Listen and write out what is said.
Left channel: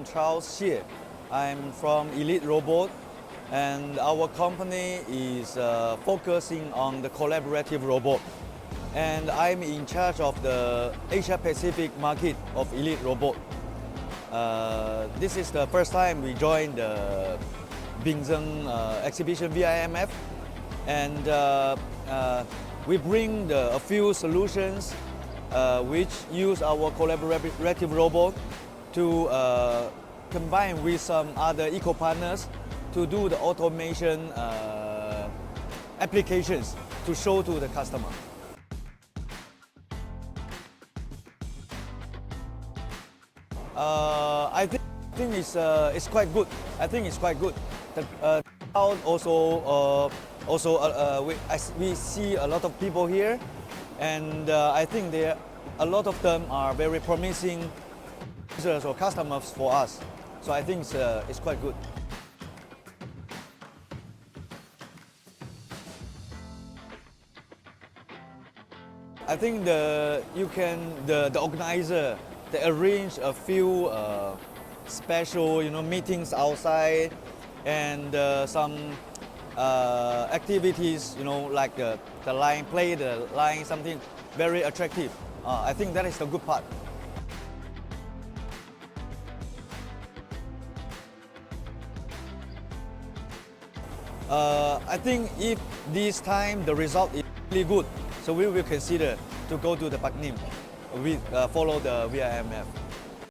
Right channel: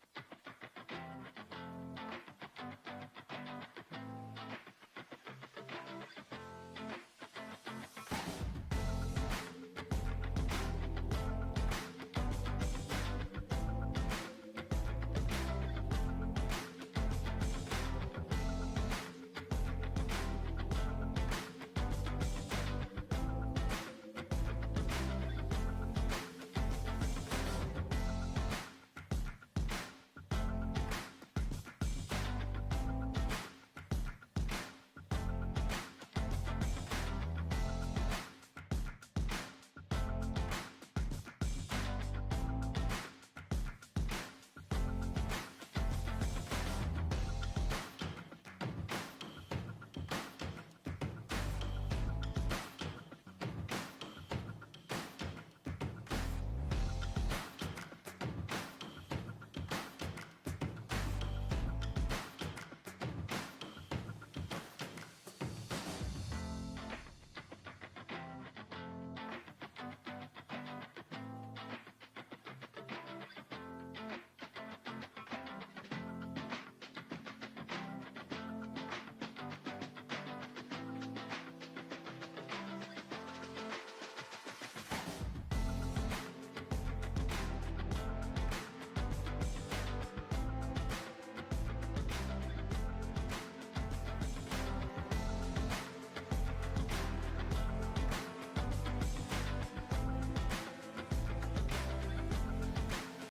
I'm Charles here. I'm from Elite Robot, and our company is focusing on the collaborative robot. And I'm in charge of the Asia Pacific market of Elite Robot. This is the first time we joined the Bình exhibition VIMF, and we bring a few solutions which use our collaborative robot to combine with some other eco-partners to do the automation applications to show to the customer. I think it's quite good. I think it's quite good. The crowd we see a lot of people here, and I think a lot of them are very promising users or customers for us. So I think it's quite good. I think the organizer, they arrange a few special meetings outside, and some activities like the line, play the line, something very attractive. I think that is the good part. I think if this time the result is really good, so we will consider to go to the Bắc Ninh. We follow the VIMF.